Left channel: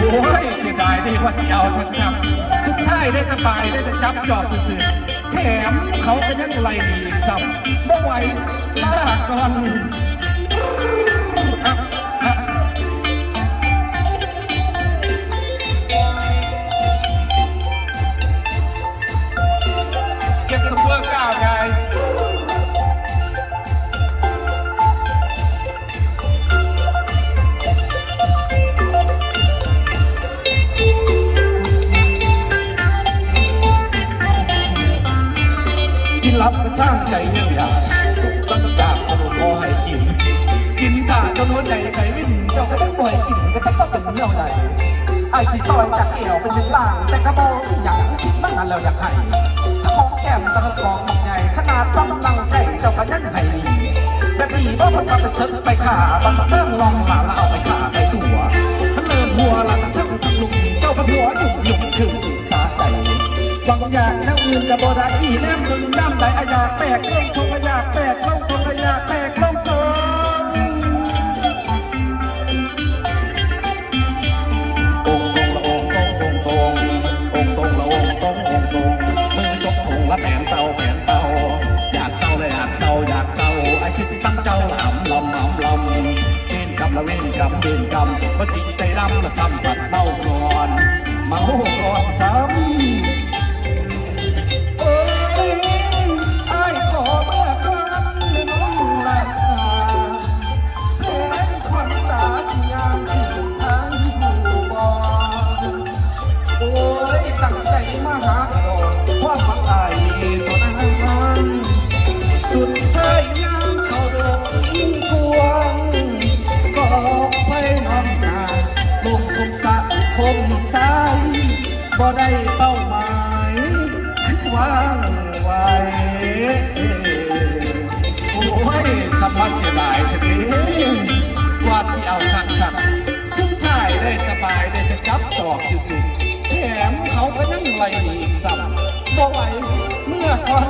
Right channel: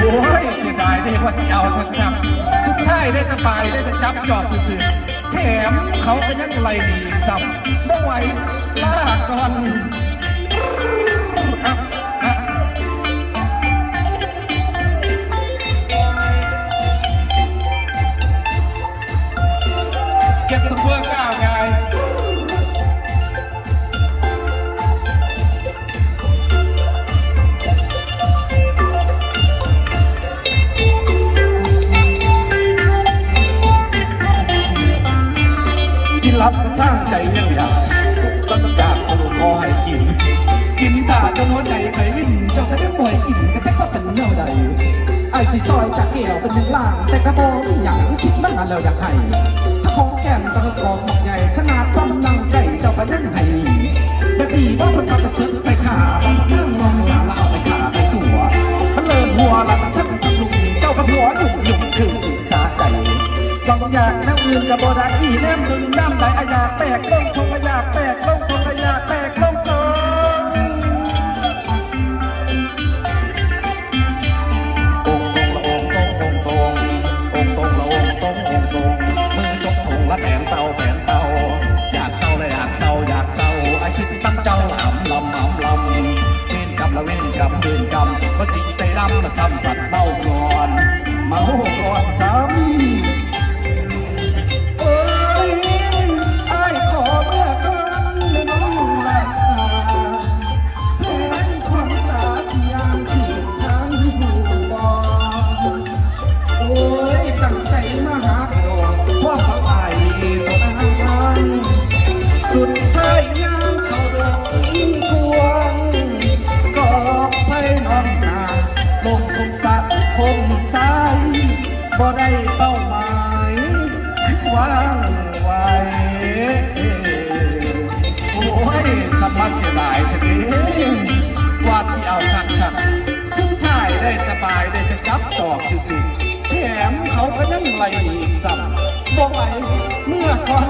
โอ้ยเสียดายได้ว่าจะเอาทั้งจับสุดท้ายได้ตะไปได้ตะจับจอบซื่อแถมเขาเป็นอะไรดีซ้ำบ่ไหวลากก่อนเก็บสมบูรณ์ก้าวไงสิรับกระทั่งใจเรียกก็ต้องจากขนมพอให้กินถ้าจนหัวใจใจวิ่งเจ้าก็ได้ปล่อยกินก็จะก็เป็นเรื่องใดไอ้สิซอยจากเกี่ยวเป็นหนึ่งล่างแต่กระโบนอย่างคิดไม่ทันเราอยากให้ถ้าโค้งแก้มตะกองใหญ่ขนาดจำลังใจเจ้าก็ยังให้แบบนี้ก็ต้องไปเซ็ตไปขาบางเรื่องลองหลาแล้วเอาไปขาไปตัวมันเริ่มหัวละทั้งทั้งลุกเจ้าก็หัวหนุ่มหนุ่มคือสื่อสารใจลองอย่างนั้นอื่นกับโบราณอีแนมดึงย่ำไหนขยะแตกลงขยะแตกลงขยะแตกลงใจแถมเขาก็นั่งไหลสั่นบ่ไหวเมื่อควัน